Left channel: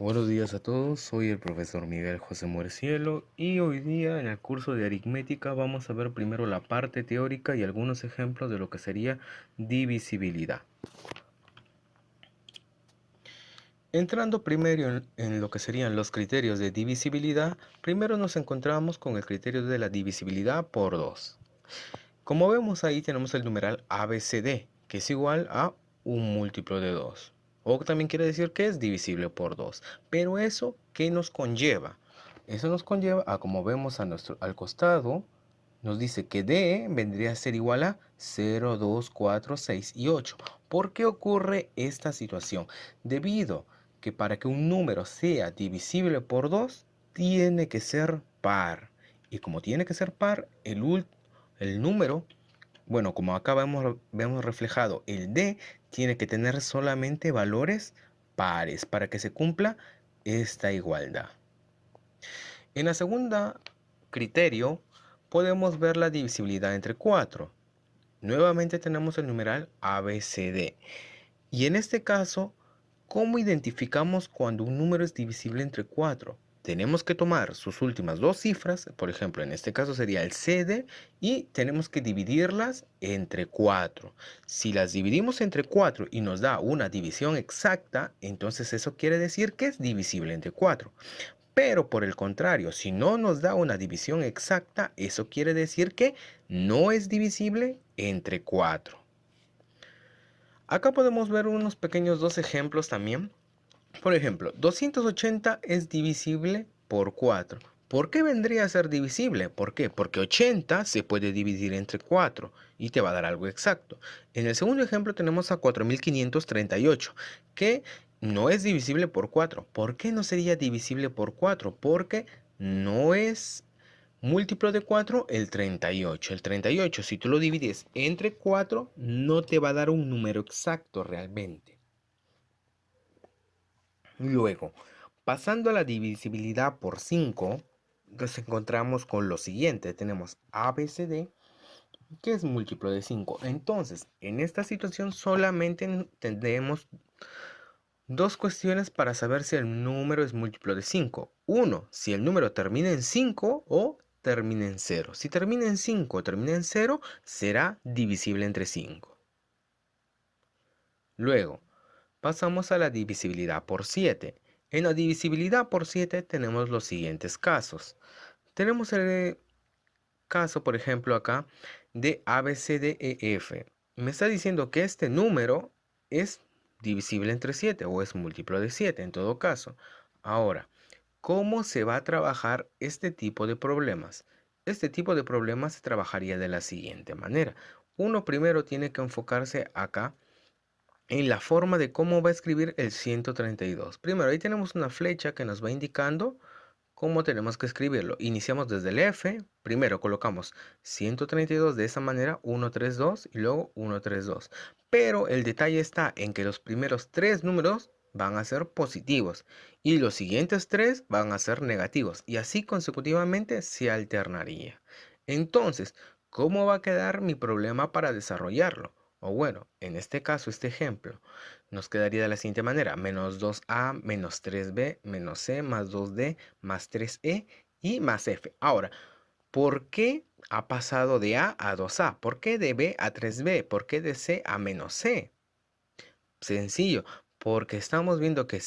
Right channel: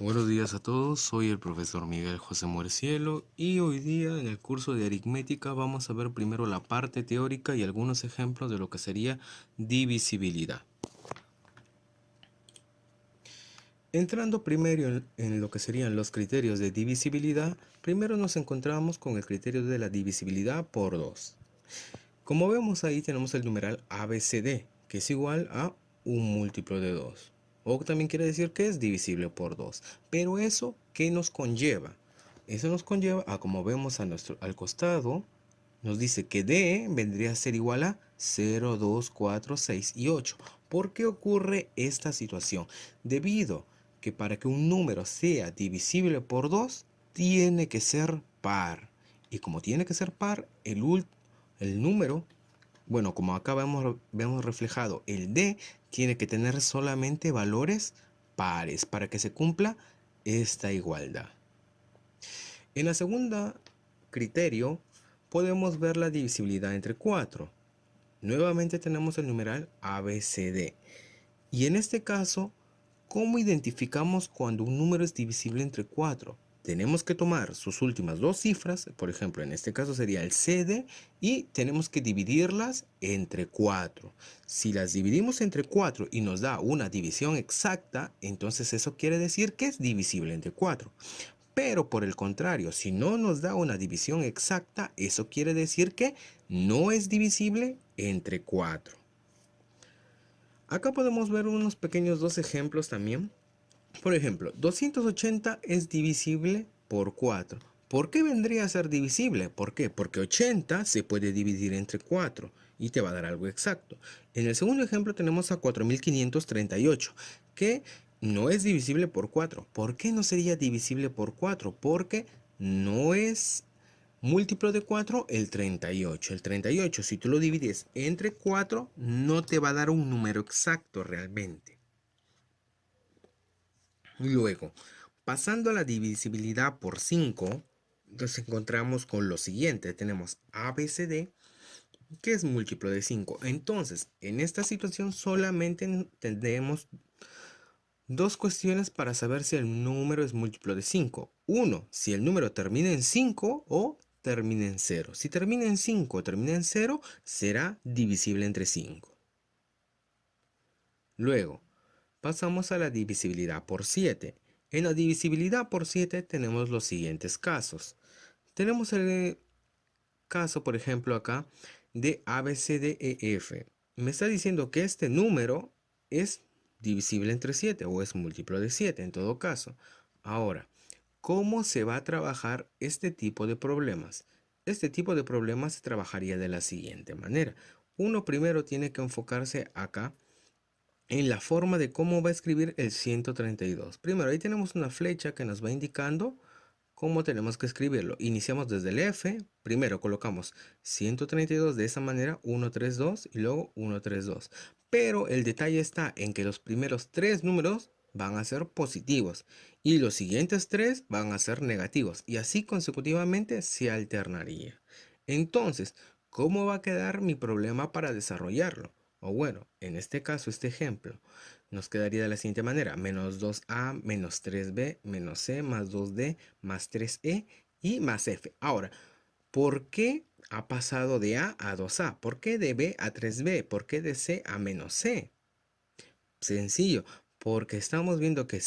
Buenos días a todos, soy el profesor Miguel José Muercielo y hoy día en el curso de aritmética vamos a ver primero la parte teórica y algunos ejemplos de lo que sería divisibilidad. Entrando primero en lo que serían los criterios de divisibilidad, primero nos encontramos con el criterio de la divisibilidad por 2. Como vemos ahí tenemos el numeral ABCD, que es igual a un múltiplo de 2. O también quiere decir que es divisible por 2. Pero eso, ¿qué nos conlleva? Eso nos conlleva a, como vemos al costado, nos dice que D vendría a ser igual a 0, 2, 4, 6 y 8. ¿Por qué ocurre esta situación? Debido que para que un número sea divisible por 2, tiene que ser par. Y como tiene que ser par, el número, bueno, como acá vemos reflejado, el D tiene que tener solamente valores pares para que se cumpla esta igualdad. En la segunda criterio podemos ver la divisibilidad entre 4. Nuevamente tenemos el numeral ABCD. Y en este caso, ¿cómo identificamos cuando un número es divisible entre 4? Tenemos que tomar sus últimas dos cifras, por ejemplo, en este caso sería el CD, y tenemos que dividirlas entre 4. Si las dividimos entre 4 y nos da una división exacta, entonces eso quiere decir que es divisible entre 4. Pero por el contrario, si no nos da una división exacta, eso quiere decir que no es divisible entre 4. Acá podemos ver unos pequeños dos ejemplos también. Por ejemplo, 280 es divisible por 4. ¿Por qué vendría a ser divisible? ¿Por qué? Porque 80 se puede dividir entre 4 y te va a dar algo exacto. En el segundo ejemplo tenemos a 4538, que no es divisible por 4. ¿Por qué no sería divisible por 4? Porque no es múltiplo de 4 el 38. El 38, si tú lo divides entre 4, no te va a dar un número exacto realmente. Luego, pasando a la divisibilidad por 5, nos encontramos con lo siguiente. Tenemos ABCD, que es múltiplo de 5. Entonces, en esta situación solamente tendremos dos cuestiones para saber si el número es múltiplo de 5. Uno, si el número termina en 5 o termina en 0. Si termina en 5 o termina en 0, será divisible entre 5. Luego, pasamos a la divisibilidad por 7. En la divisibilidad por 7 tenemos los siguientes casos. Tenemos el caso, por ejemplo, acá de ABCDEF. Me está diciendo que este número es divisible entre 7 o es múltiplo de 7 en todo caso. Ahora, ¿cómo se va a trabajar este tipo de problemas? Este tipo de problemas se trabajaría de la siguiente manera. Uno primero tiene que enfocarse acá en la forma de cómo va a escribir el 132. Primero, ahí tenemos una flecha que nos va indicando cómo tenemos que escribirlo. Iniciamos desde el F, primero colocamos 132 de esa manera, 132 y luego 132. Pero el detalle está en que los primeros tres números van a ser positivos y los siguientes tres van a ser negativos y así consecutivamente se alternaría. Entonces, ¿cómo va a quedar mi problema para desarrollarlo? O bueno, en este caso, este ejemplo, nos quedaría de la siguiente manera: menos 2a menos 3b menos c más 2d más 3e y más f. Ahora, ¿por qué ha pasado de a 2a? ¿Por qué de b a 3b? ¿Por qué de c a menos c? Sencillo, porque estamos viendo que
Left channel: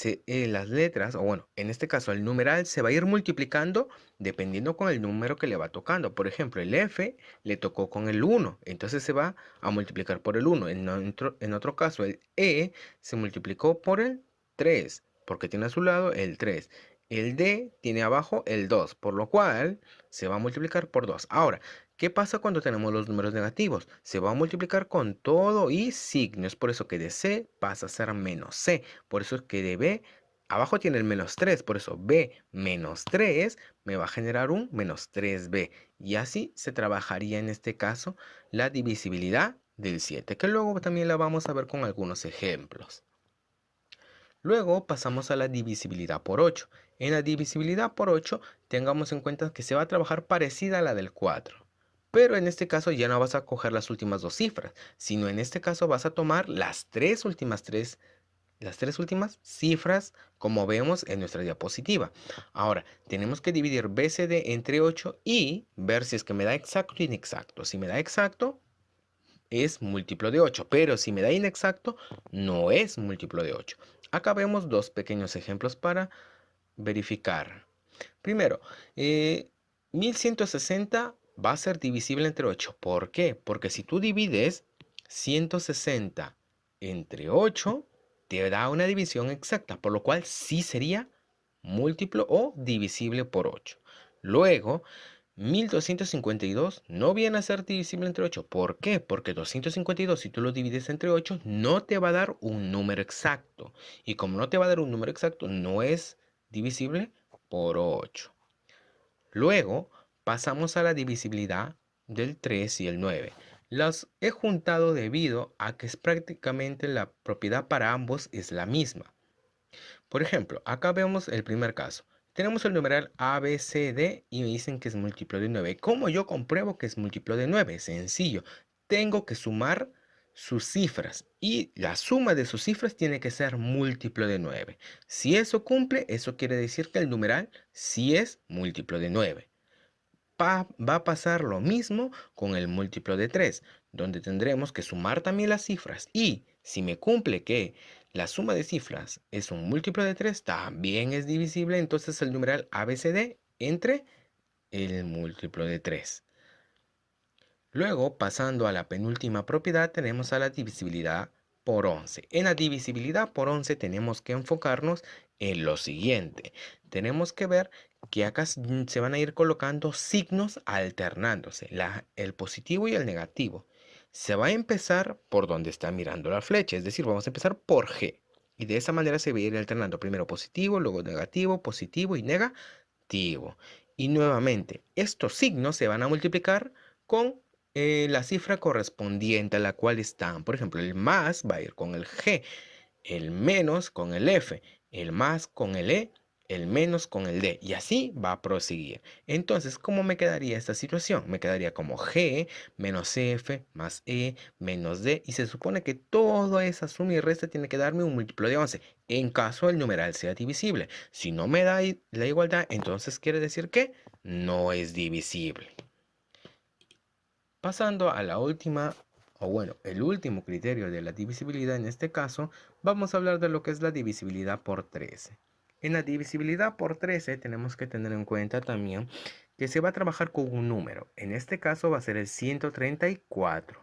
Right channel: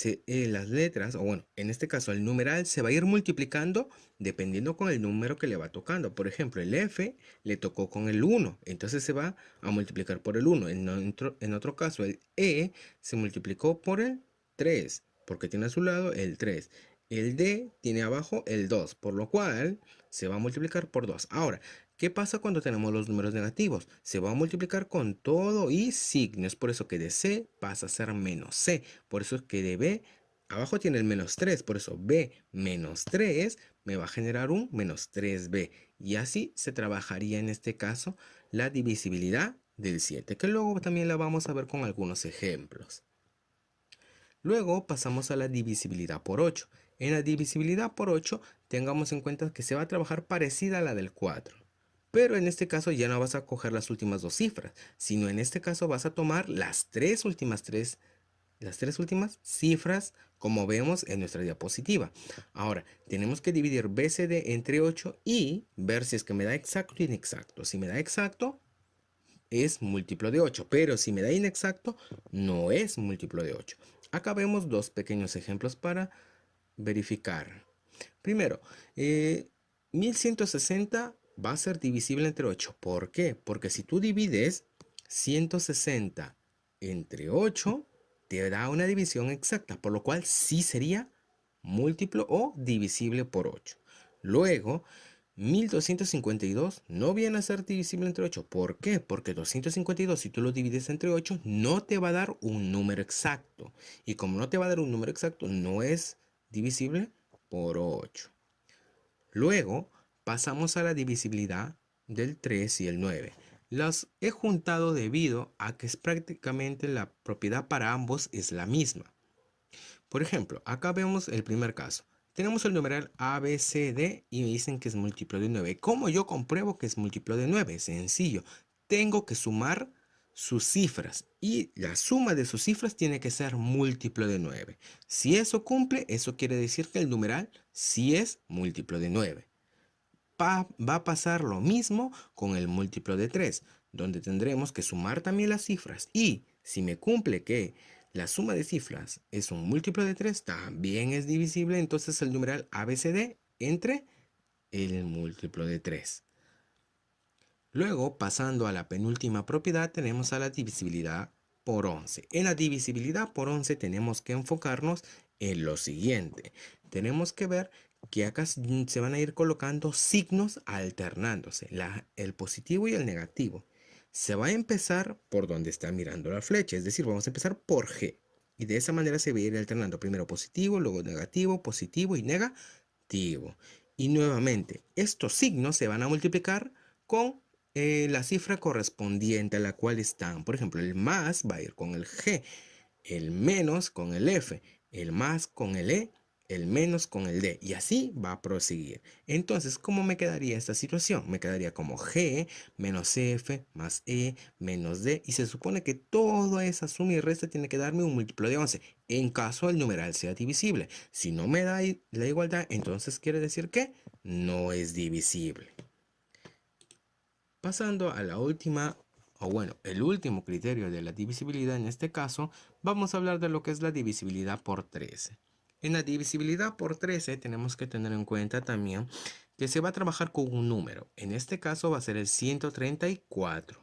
las letras, o bueno, en este caso el numeral se va a ir multiplicando dependiendo con el número que le va tocando. Por ejemplo, el F le tocó con el 1, entonces se va a multiplicar por el 1. En otro caso, el E se multiplicó por el 3, porque tiene a su lado el 3. El D tiene abajo el 2, por lo cual se va a multiplicar por 2. Ahora, ¿qué pasa cuando tenemos los números negativos? Se va a multiplicar con todo y signo. Es por eso que de C pasa a ser menos C. Por eso es que de B, abajo tiene el menos 3. Por eso B menos 3 me va a generar un menos 3B. Y así se trabajaría en este caso la divisibilidad del 7, que luego también la vamos a ver con algunos ejemplos. Luego pasamos a la divisibilidad por 8. En la divisibilidad por 8, tengamos en cuenta que se va a trabajar parecida a la del 4. Pero en este caso ya no vas a coger las últimas dos cifras, sino en este caso vas a tomar las últimas tres las tres últimas cifras, como vemos en nuestra diapositiva. Ahora, tenemos que dividir BCD entre 8 y ver si es que me da exacto o inexacto. Si me da exacto, es múltiplo de 8, pero si me da inexacto, no es múltiplo de 8. Acá vemos dos pequeños ejemplos para verificar. Primero, 1160 va a ser divisible entre 8. ¿Por qué? Porque si tú divides 160 entre 8, te da una división exacta, por lo cual sí sería múltiplo o divisible por 8. Luego, 1252 no viene a ser divisible entre 8. ¿Por qué? Porque 252, si tú lo divides entre 8, no te va a dar un número exacto. Y como no te va a dar un número exacto, no es divisible por 8. Luego pasamos a la divisibilidad del 3 y el 9. Las he juntado debido a que es prácticamente la propiedad para ambos es la misma. Por ejemplo, acá vemos el primer caso. Tenemos el numeral ABCD y me dicen que es múltiplo de 9. ¿Cómo yo compruebo que es múltiplo de 9? Sencillo. Tengo que sumar sus cifras y la suma de sus cifras tiene que ser múltiplo de 9. Si eso cumple, eso quiere decir que el numeral sí es múltiplo de 9. Va a pasar lo mismo con el múltiplo de 3, donde tendremos que sumar también las cifras. Y si me cumple que la suma de cifras es un múltiplo de 3, también es divisible entonces el numeral ABCD entre el múltiplo de 3. Luego, pasando a la penúltima propiedad, tenemos a la divisibilidad por 11. En la divisibilidad por 11 tenemos que enfocarnos en lo siguiente. Tenemos que ver que acá se van a ir colocando signos alternándose, el positivo y el negativo. Se va a empezar por donde está mirando la flecha, es decir, vamos a empezar por G. Y de esa manera se va a ir alternando primero positivo, luego negativo, positivo y negativo. Y nuevamente, estos signos se van a multiplicar con la cifra correspondiente a la cual están. Por ejemplo, el más va a ir con el G, el menos con el F, el más con el E, el menos con el D. Y así va a proseguir. Entonces, ¿cómo me quedaría esta situación? Me quedaría como G menos F más E menos D. Y se supone que toda esa suma y resta tiene que darme un múltiplo de 11 en caso el numeral sea divisible. Si no me da la igualdad, entonces quiere decir que no es divisible. Pasando a la última, o bueno, el último criterio de la divisibilidad en este caso, vamos a hablar de lo que es la divisibilidad por 13. En la divisibilidad por 13 tenemos que tener en cuenta también que se va a trabajar con un número. En este caso va a ser el 134.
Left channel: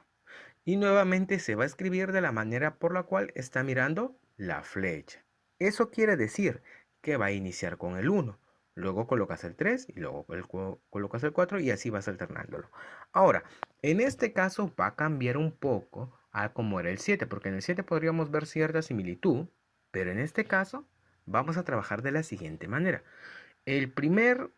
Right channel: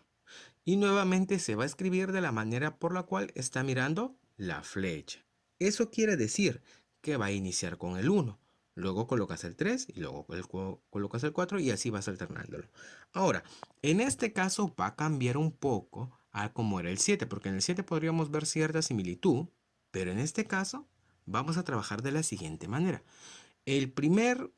Y nuevamente se va a escribir de la manera por la cual está mirando la flecha. Eso quiere decir que va a iniciar con el 1. Luego colocas el 3 y luego colocas el 4 y así vas alternándolo. Ahora, en este caso va a cambiar un poco a como era el 7, porque en el 7 podríamos ver cierta similitud, pero en este caso vamos a trabajar de la siguiente manera. El primer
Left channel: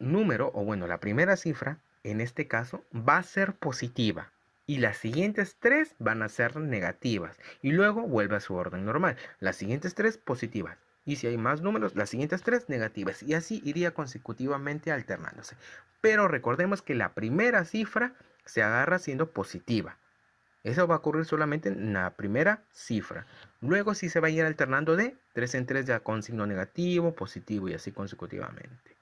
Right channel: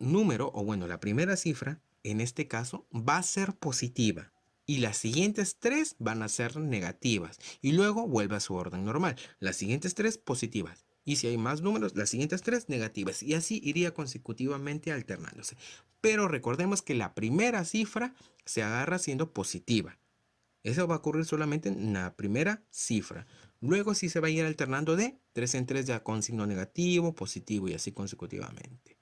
número, o bueno, la primera cifra, en este caso, va a ser positiva. Y las siguientes tres van a ser negativas. Y luego vuelve a su orden normal. Las siguientes tres positivas. Y si hay más números, las siguientes tres negativas. Y así iría consecutivamente alternándose. Pero recordemos que la primera cifra se agarra siendo positiva. Eso va a ocurrir solamente en la primera cifra. Luego sí se va a ir alternando de 3 en 3 ya con signo negativo, positivo y así consecutivamente.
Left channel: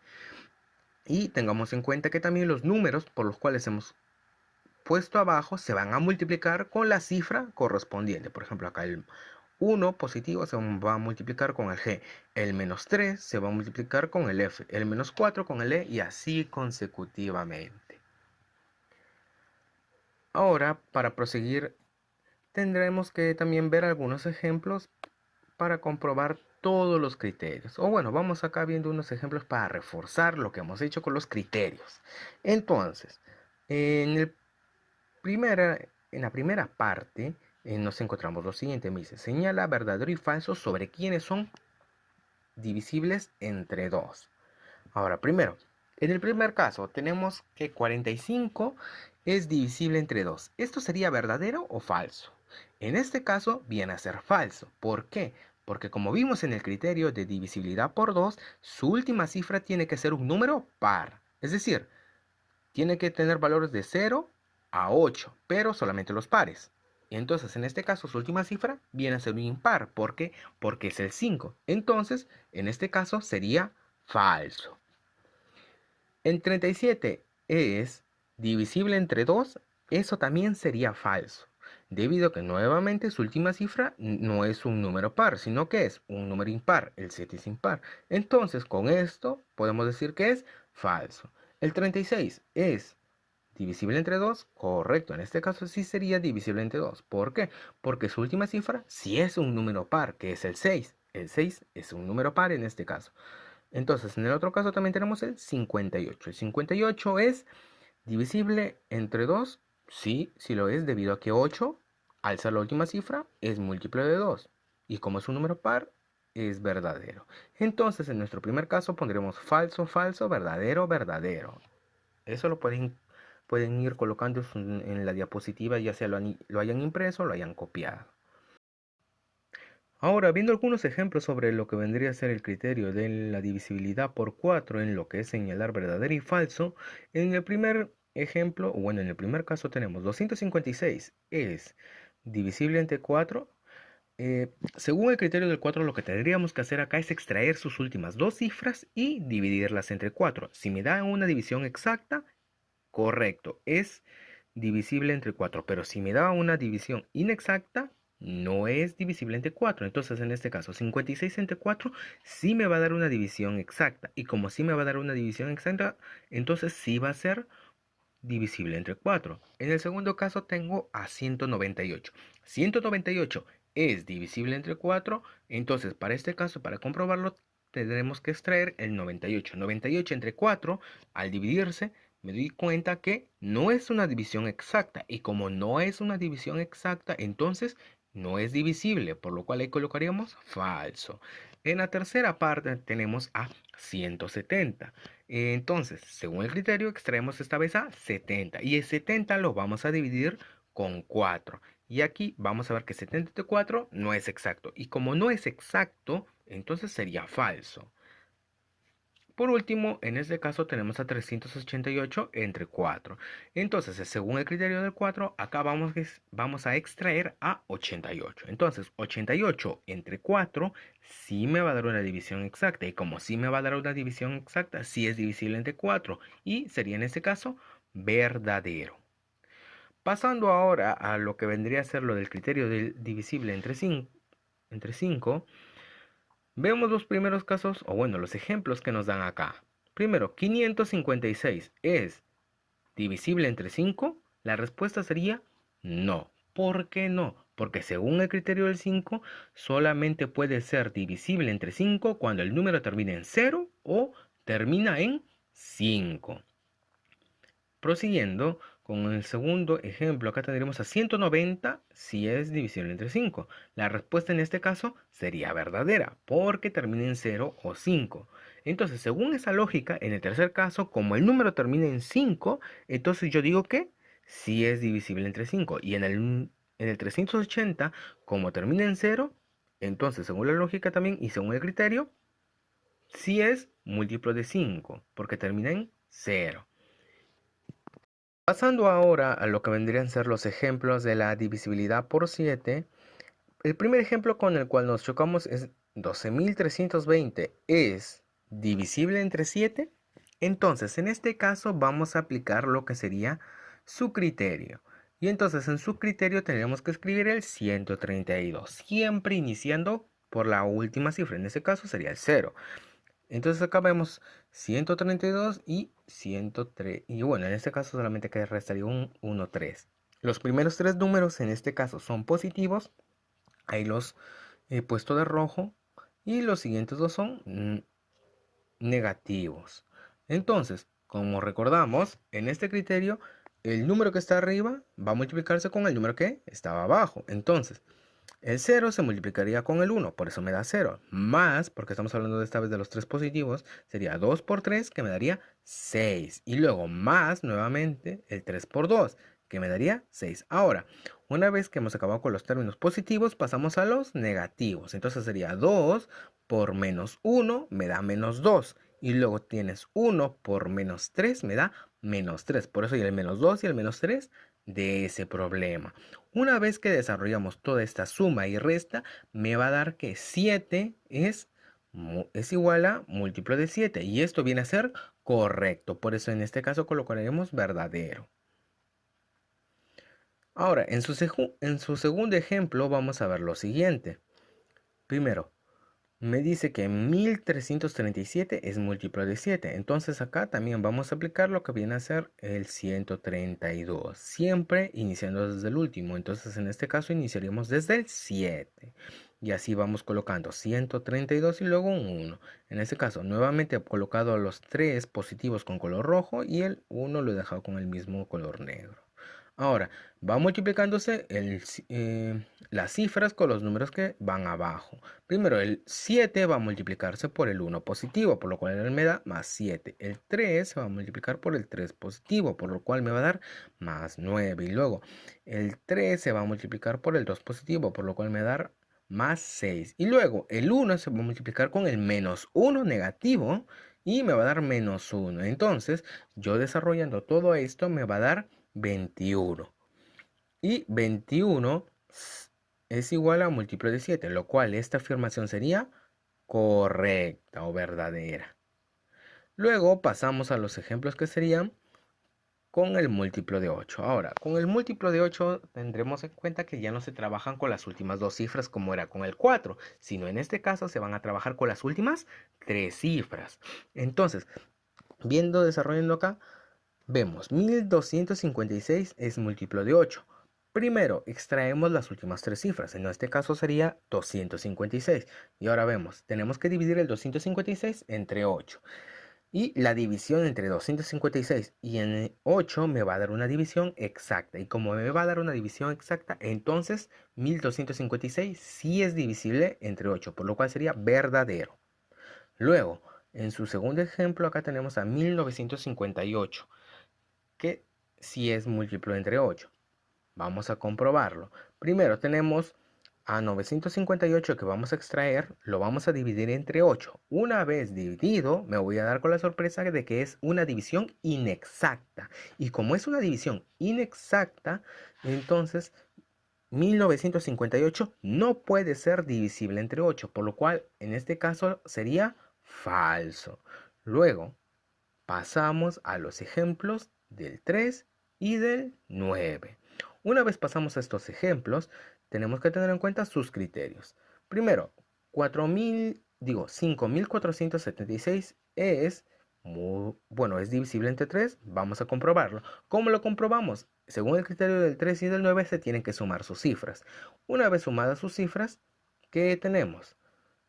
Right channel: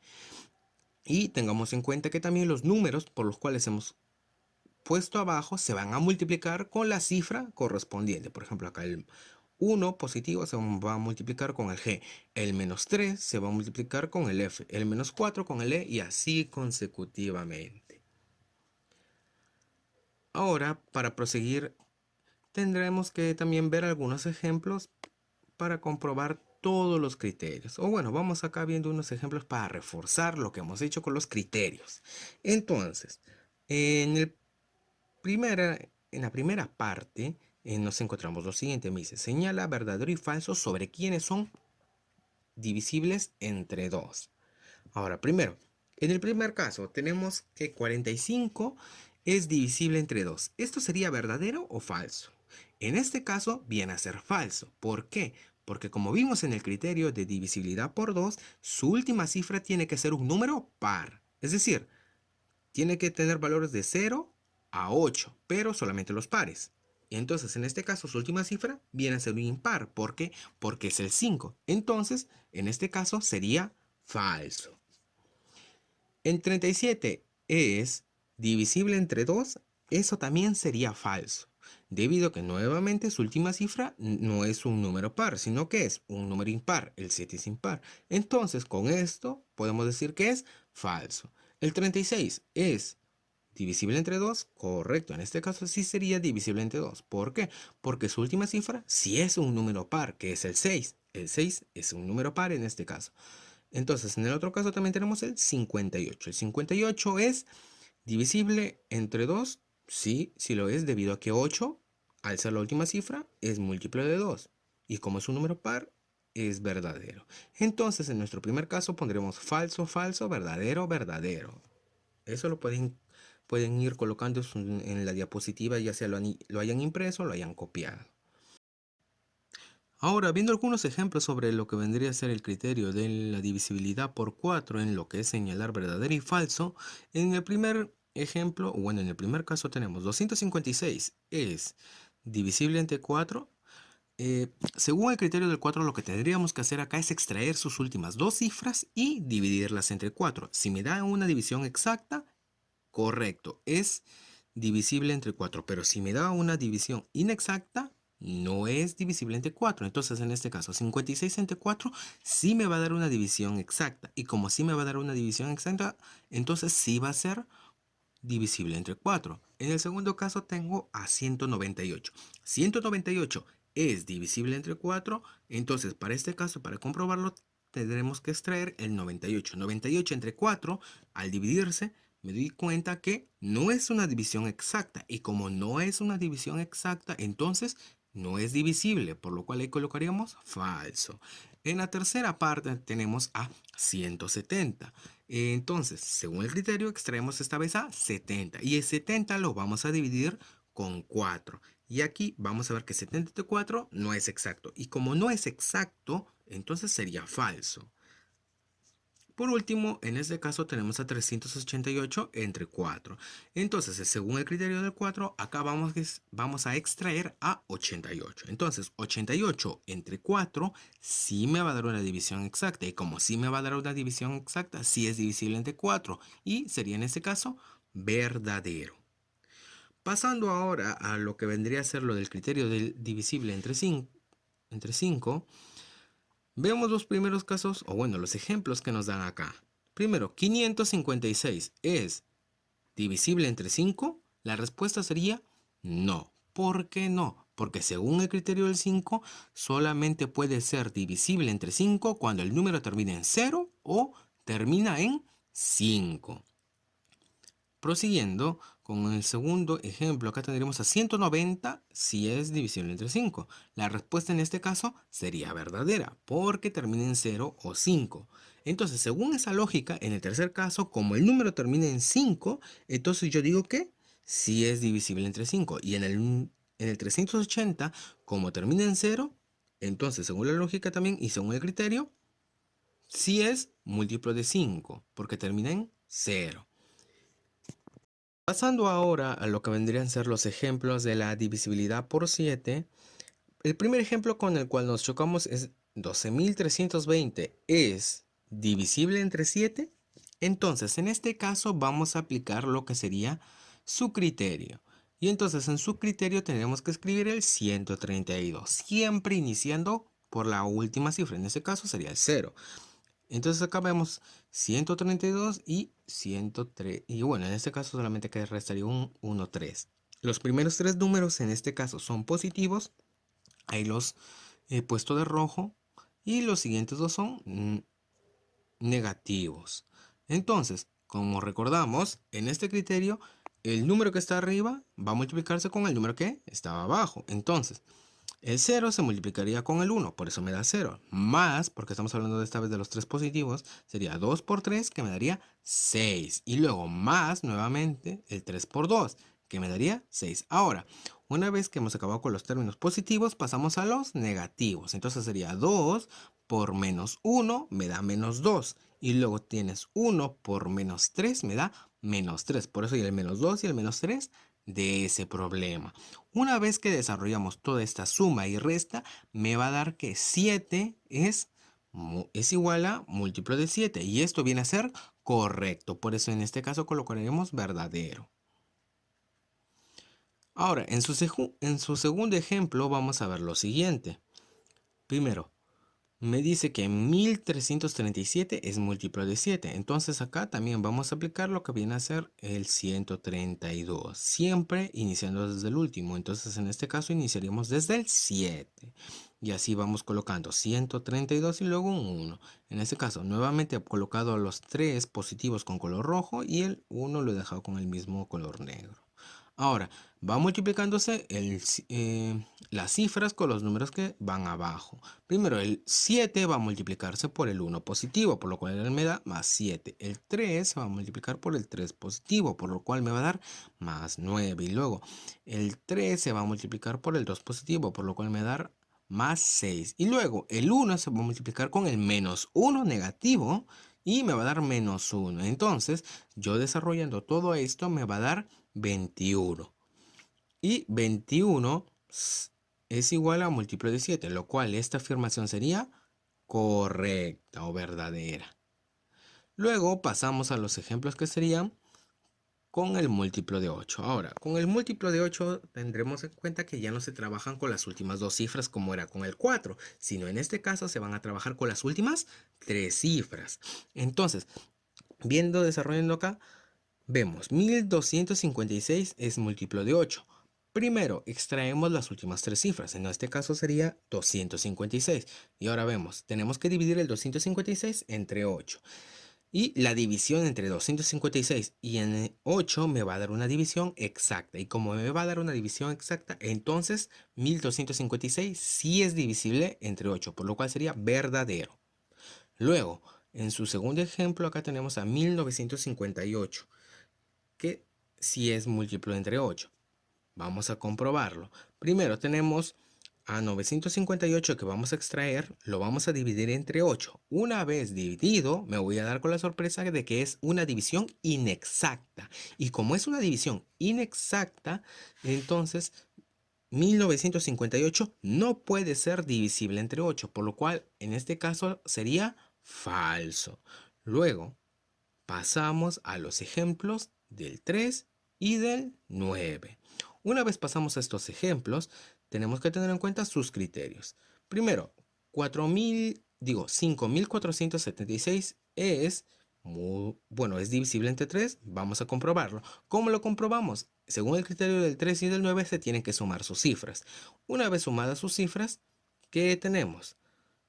Y tengamos en cuenta que también los números por los cuales hemos puesto abajo se van a multiplicar con la cifra correspondiente. Por ejemplo, acá el 1 positivo se va a multiplicar con el G. El menos 3 se va a multiplicar con el F. El menos 4 con el E y así consecutivamente. Ahora, para proseguir, tendremos que también ver algunos ejemplos para comprobar todos los criterios. O bueno, vamos acá viendo unos ejemplos para reforzar lo que hemos hecho con los criterios. Entonces, en la primera parte nos encontramos lo siguiente. Me dice, señala verdadero y falso sobre quiénes son divisibles entre 2. Ahora, primero, en el primer caso tenemos que 45 es divisible entre 2. ¿Esto sería verdadero o falso? En este caso viene a ser falso. ¿Por qué? Porque como vimos en el criterio de divisibilidad por 2, su última cifra tiene que ser un número par. Es decir, tiene que tener valores de 0 a 8, pero solamente los pares. Entonces, en este caso, su última cifra viene a ser un impar. ¿Por qué? Porque es el 5. Entonces, en este caso sería falso. En 37 es divisible entre 2. Eso también sería falso, debido a que nuevamente su última cifra no es un número par, sino que es un número impar. El 7 es impar. Entonces, con esto podemos decir que es falso. El 36 es divisible entre 2, correcto. En este caso sí sería divisible entre 2. ¿Por qué? Porque su última cifra sí es un número par, que es el 6. El 6 es un número par en este caso. Entonces, en el otro caso también tenemos el 58. El 58 es divisible entre 2. Sí, sí lo es, debido a que 8, al ser la última cifra, es múltiplo de 2. Y como es un número par, es verdadero. Entonces, en nuestro primer caso pondremos falso, falso, verdadero, verdadero. Eso pueden ir colocando en la diapositiva, ya sea lo hayan impreso o lo hayan copiado. Ahora, viendo algunos ejemplos sobre lo que vendría a ser el criterio de la divisibilidad por 4 en lo que es señalar verdadero y falso, en el primer ejemplo, o bueno, en el primer caso tenemos 256 es divisible entre 4. Según el criterio del 4, lo que tendríamos que hacer acá es extraer sus últimas dos cifras y dividirlas entre 4. Si me da una división exacta, correcto, es divisible entre 4, pero si me da una división inexacta, no es divisible entre 4. Entonces, en este caso, 56 entre 4 sí me va a dar una división exacta. Y como sí me va a dar una división exacta, entonces sí va a ser divisible entre 4. En el segundo caso tengo a 198. 198 es divisible entre 4. Entonces, para este caso, para comprobarlo, tendremos que extraer el 98. 98 entre 4, al dividirse, me doy cuenta que no es una división exacta. Y como no es una división exacta, entonces no es divisible, por lo cual ahí colocaríamos falso. En la tercera parte tenemos a 170. Entonces, según el criterio, extraemos esta vez a 70. Y el 70 lo vamos a dividir con 4. Y aquí vamos a ver que 70 entre 4 no es exacto. Y como no es exacto, entonces sería falso. Por último, en este caso tenemos a 388 entre 4. Entonces, según el criterio del 4, acá vamos a extraer a 88. Entonces, 88 entre 4 sí me va a dar una división exacta. Y como sí me va a dar una división exacta, sí es divisible entre 4. Y sería en este caso verdadero. Pasando ahora a lo que vendría a ser lo del criterio del divisible entre 5. Veamos los primeros casos, o bueno, los ejemplos que nos dan acá. Primero, 556 es divisible entre 5. La respuesta sería no. ¿Por qué no? Porque según el criterio del 5, solamente puede ser divisible entre 5 cuando el número termina en 0 o termina en 5. Prosiguiendo con el segundo ejemplo, acá tendremos a 190 si es divisible entre 5. La respuesta en este caso sería verdadera porque termina en 0 o 5. Entonces, según esa lógica, en el tercer caso, como el número termina en 5, entonces yo digo que sí es divisible entre 5. Y en el 380, como termina en 0, entonces según la lógica también y según el criterio, sí es múltiplo de 5 porque termina en 0. Pasando ahora a lo que vendrían a ser los ejemplos de la divisibilidad por 7, el primer ejemplo con el cual nos chocamos es 12.320 es divisible entre 7. Entonces, en este caso vamos a aplicar lo que sería su criterio. Y entonces en su criterio tendremos que escribir el 132, siempre iniciando por la última cifra. En este caso sería el 0. Entonces acá vemos 132 y 103. Y bueno, en este caso solamente que restaría un 1, 3. Los primeros tres números en este caso son positivos. Ahí los he puesto de rojo. Y los siguientes dos son negativos. Entonces, como recordamos, en este criterio, el número que está arriba va a multiplicarse con el número que estaba abajo. Entonces, el 0 se multiplicaría con el 1, por eso me da 0. Más, porque estamos hablando de esta vez de los 3 positivos, sería 2 por 3, que me daría 6. Y luego más, nuevamente, el 3 por 2, que me daría 6. Ahora, una vez que hemos acabado con los términos positivos, pasamos a los negativos. Entonces sería 2 por menos 1, me da menos 2. Y luego tienes 1 por menos 3, me da menos 3. Por eso y el menos 2 y el menos 3 de ese problema. Una vez que desarrollamos toda esta suma y resta, me va a dar que 7 es igual a múltiplo de 7 y esto viene a ser correcto. Por eso en este caso colocaremos verdadero. Ahora, en su segundo ejemplo vamos a ver lo siguiente. Primero, me dice que 1337 es múltiplo de 7. Entonces acá también vamos a aplicar lo que viene a ser el 132. Siempre iniciando desde el último. Entonces en este caso iniciaríamos desde el 7. Y así vamos colocando 132 y luego un 1. En este caso nuevamente he colocado los 3 positivos con color rojo y el 1 lo he dejado con el mismo color negro. Ahora, va multiplicándose las cifras con los números que van abajo. Primero, el 7 va a multiplicarse por el 1 positivo, por lo cual él me da más 7. El 3 se va a multiplicar por el 3 positivo, por lo cual me va a dar más 9. Y luego, el 3 se va a multiplicar por el 2 positivo, por lo cual me va a dar más 6. Y luego, el 1 se va a multiplicar con el menos 1 negativo y me va a dar menos 1. Entonces, yo desarrollando todo esto me va a dar 21. Y 21 es igual a múltiplo de 7, lo cual esta afirmación sería correcta o verdadera. Luego pasamos a los ejemplos que serían con el múltiplo de 8. Ahora, con el múltiplo de 8 tendremos en cuenta que ya no se trabajan con las últimas dos cifras como era con el 4, sino en este caso se van a trabajar con las últimas 3 cifras. Entonces, desarrollando acá, vemos 1256 es múltiplo de 8. Primero extraemos las últimas 3 cifras, en este caso sería 256. Y ahora vemos, tenemos que dividir el 256 entre 8. Y la división entre 256 y en 8 me va a dar una división exacta. Y como me va a dar una división exacta, entonces 1256 sí es divisible entre 8, por lo cual sería verdadero. Luego, en su segundo ejemplo, acá tenemos a 1958, que sí es múltiplo entre 8. Vamos a comprobarlo. Primero tenemos a 958 que vamos a extraer, lo vamos a dividir entre 8. Una vez dividido, me voy a dar con la sorpresa de que es una división inexacta. Y como es una división inexacta, entonces 1958 no puede ser divisible entre 8, por lo cual en este caso sería falso. Luego pasamos a los ejemplos del 3 y del 9. Una vez pasamos a estos ejemplos, tenemos que tener en cuenta sus criterios. Primero, 5476 es divisible entre 3. Vamos a comprobarlo. ¿Cómo lo comprobamos? Según el criterio del 3 y del 9 se tienen que sumar sus cifras. Una vez sumadas sus cifras, ¿qué tenemos?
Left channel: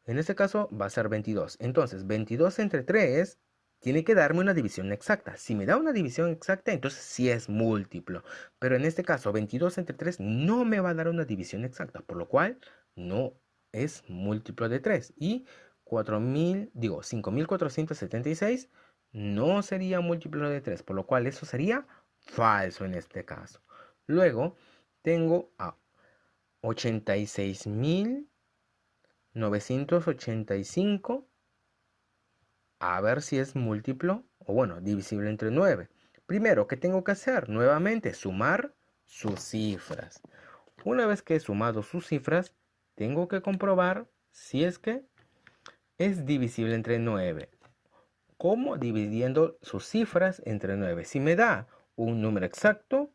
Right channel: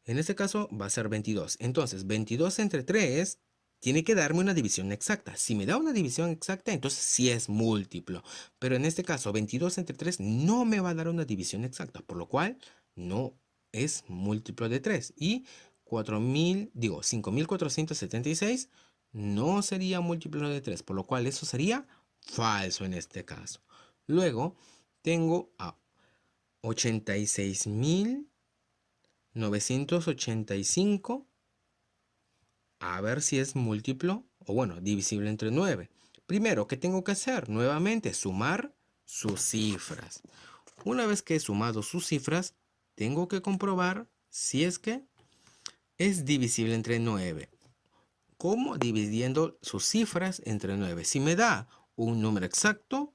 En este caso va a ser 22. Entonces, 22 entre 3 tiene que darme una división exacta. Si me da una división exacta, entonces sí es múltiplo. Pero en este caso, 22 entre 3 no me va a dar una división exacta, por lo cual no es múltiplo de 3. Y 5476 no sería múltiplo de 3, por lo cual eso sería falso en este caso. Luego tengo a 86.985. A ver si es múltiplo o divisible entre 9. Primero, ¿qué tengo que hacer? Nuevamente, sumar sus cifras. Una vez que he sumado sus cifras, tengo que comprobar si es que es divisible entre 9. ¿Cómo? Dividiendo sus cifras entre 9. Si me da un número exacto,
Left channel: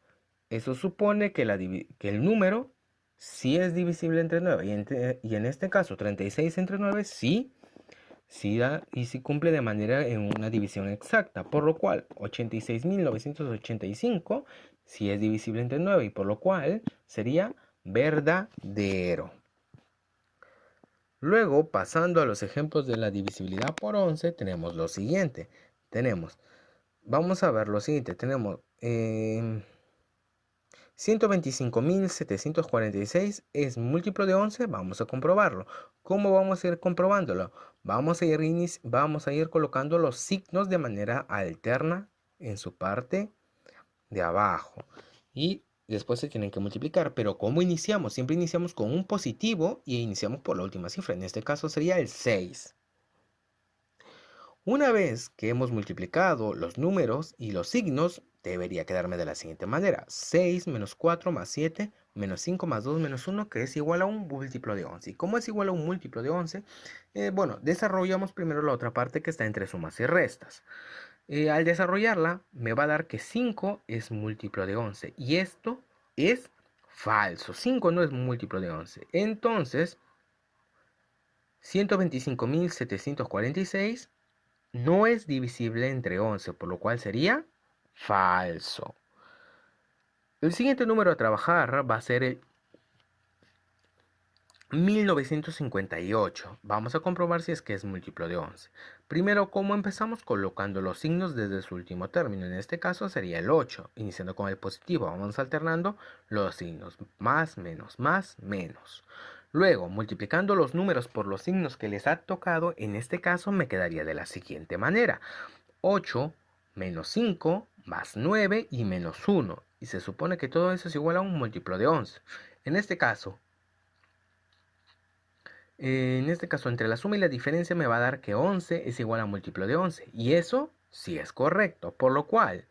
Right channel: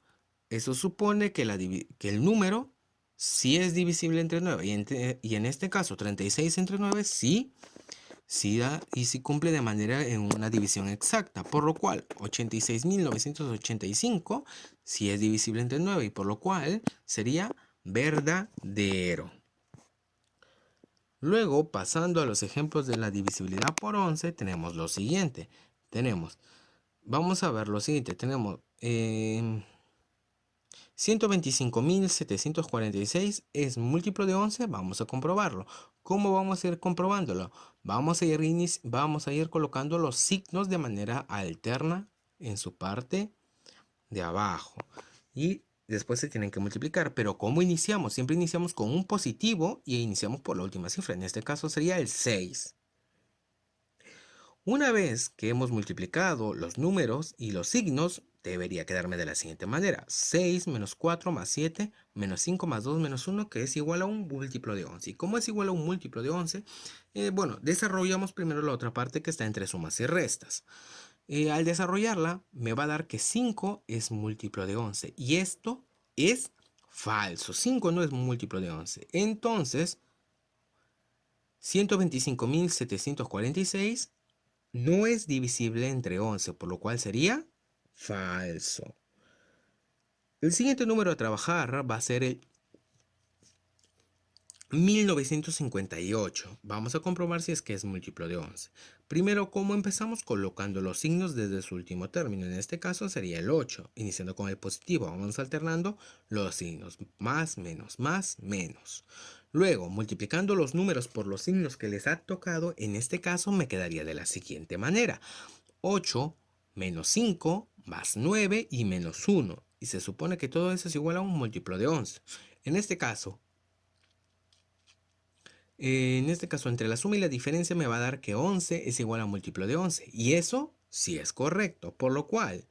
eso supone que el número sí es divisible entre 9. Y en este caso, 36 entre 9 sí da y sí cumple de manera en una división exacta, por lo cual 86.985 sí es divisible entre 9 y por lo cual sería verdadero. Luego, pasando a los ejemplos de la divisibilidad por 11, tenemos lo siguiente. Vamos a ver lo siguiente, tenemos 125.746 es múltiplo de 11, vamos a comprobarlo. ¿Cómo vamos a ir comprobándolo? Vamos a ir colocando los signos de manera alterna en su parte de abajo. Y después se tienen que multiplicar. Pero ¿cómo iniciamos? Siempre iniciamos con un positivo y iniciamos por la última cifra. En este caso sería el 6. Una vez que hemos multiplicado los números y los signos, debería quedarme de la siguiente manera. 6 menos 4 más 7 menos 5 más 2 menos 1, que es igual a un múltiplo de 11. ¿Y cómo es igual a un múltiplo de 11? Bueno, desarrollamos primero la otra parte que está entre sumas y restas. Al desarrollarla, me va a dar que 5 es múltiplo de 11. Y esto es falso. 5 no es múltiplo de 11. Entonces, 125.746 no es divisible entre 11, por lo cual sería falso. El siguiente número a trabajar va a ser el 1958. Vamos a comprobar si es que es múltiplo de 11. Primero, ¿cómo empezamos? Colocando los signos desde su último término. En este caso sería el 8, iniciando con el positivo. Vamos alternando los signos. Más, menos, más, menos. Luego, multiplicando los números por los signos que les ha tocado, en este caso me quedaría de la siguiente manera. 8 menos 5 más 9 y menos 1. Y se supone que todo eso es igual a un múltiplo de 11. En este caso, entre la suma y la diferencia me va a dar que 11 es igual a múltiplo de 11. Y eso sí es correcto. Por lo cual,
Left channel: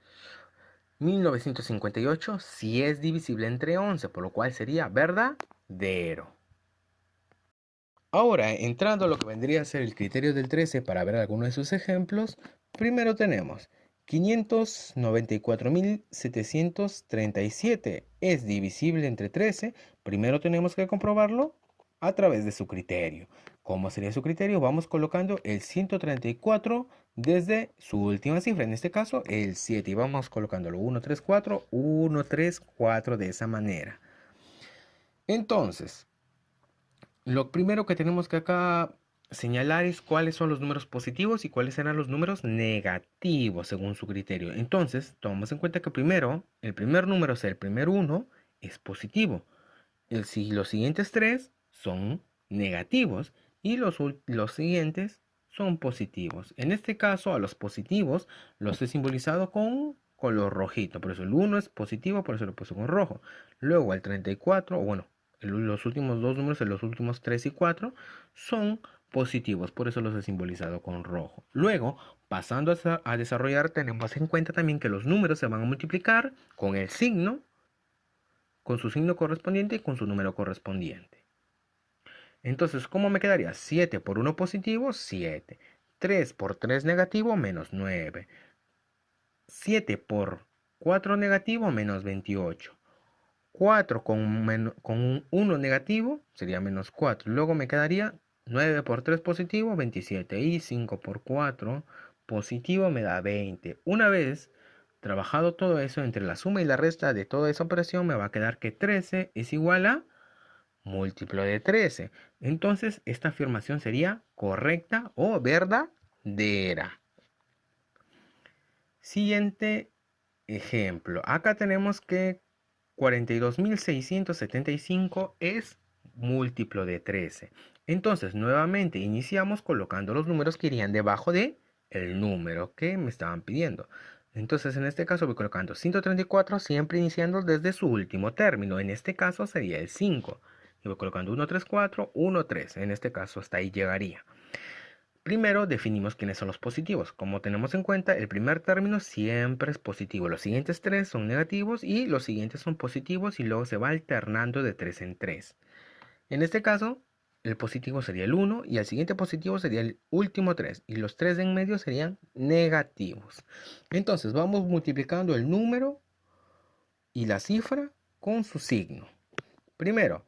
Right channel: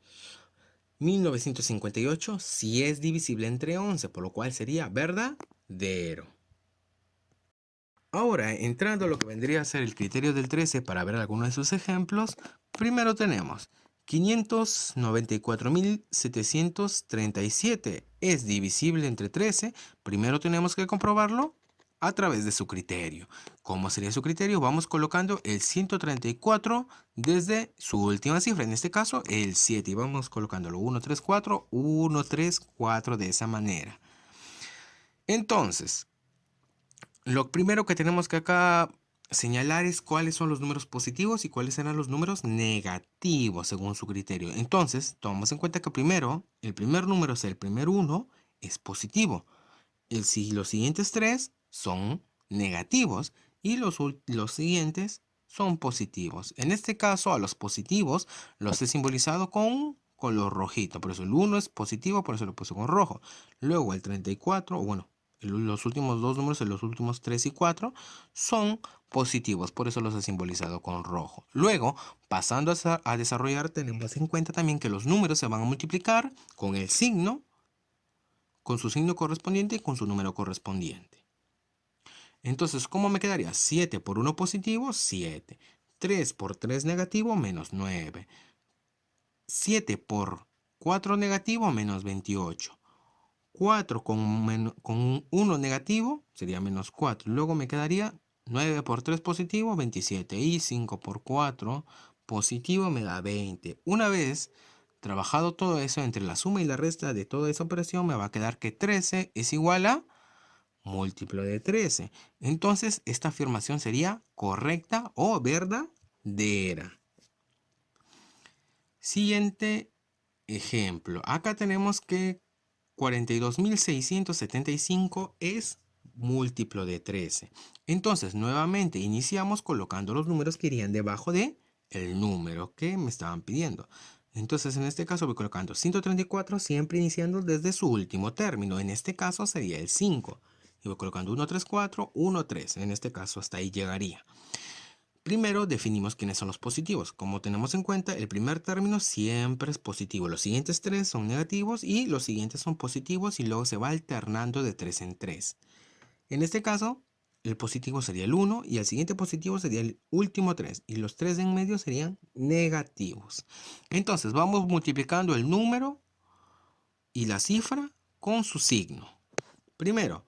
1958 sí es divisible entre 11. Por lo cual sería verdadero. Ahora, entrando a lo que vendría a ser el criterio del 13 para ver algunos de sus ejemplos, primero tenemos 594.737 es divisible entre 13. Primero tenemos que comprobarlo a través de su criterio. ¿Cómo sería su criterio? Vamos colocando el 134 desde su última cifra, en este caso el 7, y vamos colocándolo 134, 134 de esa manera. Entonces, lo primero que tenemos que acá señalar es cuáles son los números positivos y cuáles serán los números negativos según su criterio. Entonces, tomamos en cuenta que primero, el primer número, o sea, el primer 1, es positivo. Los siguientes 3 son negativos y los siguientes son positivos. En este caso, a los positivos los he simbolizado con color rojito. Por eso el 1 es positivo, por eso lo puse con rojo. Luego el 34, o bueno, los últimos dos números, los últimos 3 y 4, son positivos, por eso los he simbolizado con rojo. Luego, pasando a desarrollar, tenemos en cuenta también que los números se van a multiplicar con el signo, con su signo correspondiente y con su número correspondiente. Entonces, ¿cómo me quedaría? 7 por 1 positivo, 7. 3 por 3 negativo, menos 9. 7 por 4 negativo, menos 28. 4 con un 1 negativo sería menos 4. Luego me quedaría 9 por 3 positivo, 27. Y 5 por 4 positivo me da 20. Una vez trabajado todo eso entre la suma y la resta de toda esa operación, me va a quedar que 13 es igual a múltiplo de 13. Entonces, esta afirmación sería correcta o verdadera. Siguiente ejemplo. Acá tenemos que 42.675 es múltiplo de 13. Entonces, nuevamente iniciamos colocando los números que irían debajo de el número que me estaban pidiendo. Entonces, en este caso voy colocando 134 siempre iniciando desde su último término. En este caso sería el 5. Y voy colocando 134, 13. En este caso hasta ahí llegaría. Primero definimos quiénes son los positivos. Como tenemos en cuenta, el primer término siempre es positivo. Los siguientes 3 son negativos y los siguientes son positivos y luego se va alternando de 3 en 3. En este caso, el positivo sería el 1 y el siguiente positivo sería el último 3 y los 3 de en medio serían negativos. Entonces vamos multiplicando el número y la cifra con su signo. Primero,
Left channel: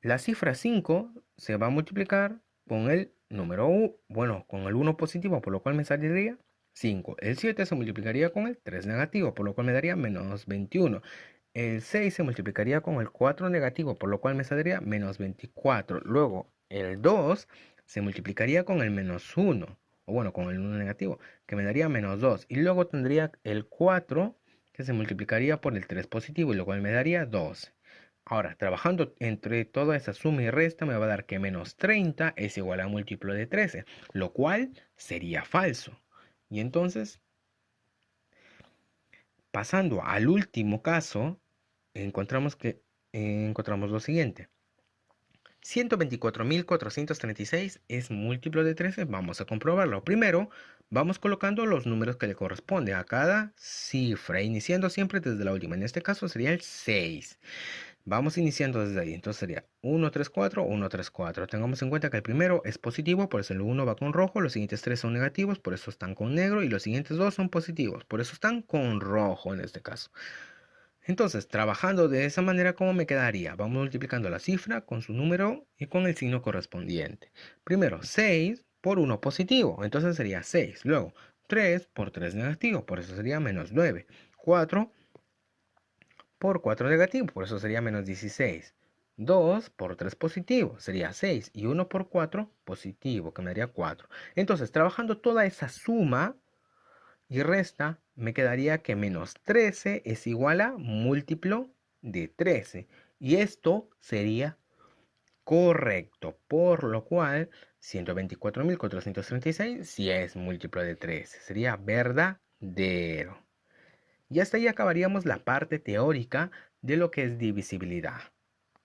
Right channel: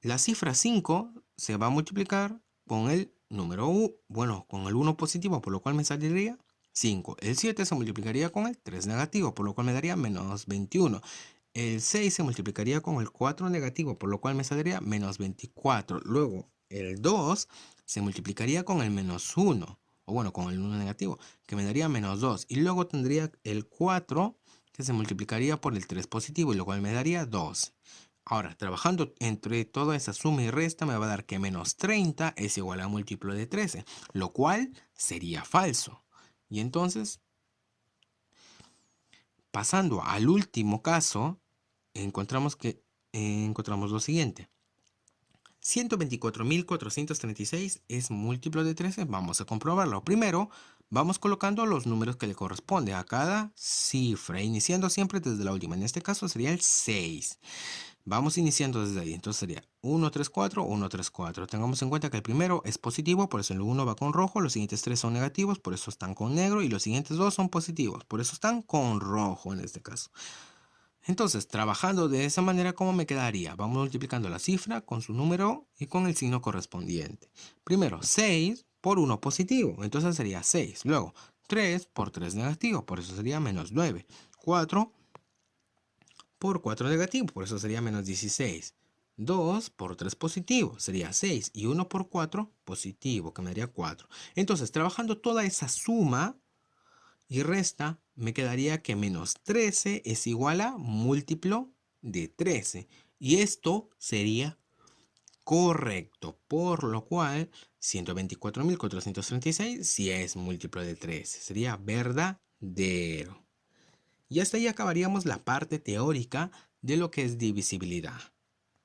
la cifra 5 se va a multiplicar con el número 1, con el 1 positivo, por lo cual me saldría 5. El 7 se multiplicaría con el 3 negativo, por lo cual me daría menos 21. El 6 se multiplicaría con el 4 negativo, por lo cual me saldría menos 24. Luego, el 2 se multiplicaría con el menos 1, con el 1 negativo, que me daría menos 2. Y luego tendría el 4 que se multiplicaría por el 3 positivo, y lo cual me daría 12. Ahora, trabajando entre toda esa suma y resta, me va a dar que menos 30 es igual a múltiplo de 13, lo cual sería falso. Y entonces, pasando al último caso, encontramos lo siguiente. 124.436 es múltiplo de 13. Vamos a comprobarlo. Primero, Vamos colocando los números que le corresponden a cada cifra, iniciando siempre desde la última. En este caso sería el 6. Vamos iniciando desde ahí. Entonces sería 1, 3, 4, 1, 3, 4. Tengamos en cuenta que el primero es positivo, por eso el 1 va con rojo. Los siguientes 3 son negativos, por eso están con negro. Y los siguientes 2 son positivos, por eso están con rojo en este caso. Entonces, trabajando de esa manera, ¿cómo me quedaría? Vamos multiplicando la cifra con su número y con el signo correspondiente. Primero, 6 por 1 positivo, entonces sería 6. Luego, 3 por 3 negativo, por eso sería menos 9. 4 por 4 negativo, por eso sería menos 16. 2 por 3 positivo, sería 6. Y 1 por 4 positivo, que me daría 4. Entonces, trabajando toda esa suma y resta, me quedaría que menos 13 es igual a múltiplo de 13. Y esto sería correcto, por lo cual 124.436 sí es múltiplo de 13. Sería verdadero. Y hasta ahí acabaríamos la parte teórica de lo que es divisibilidad.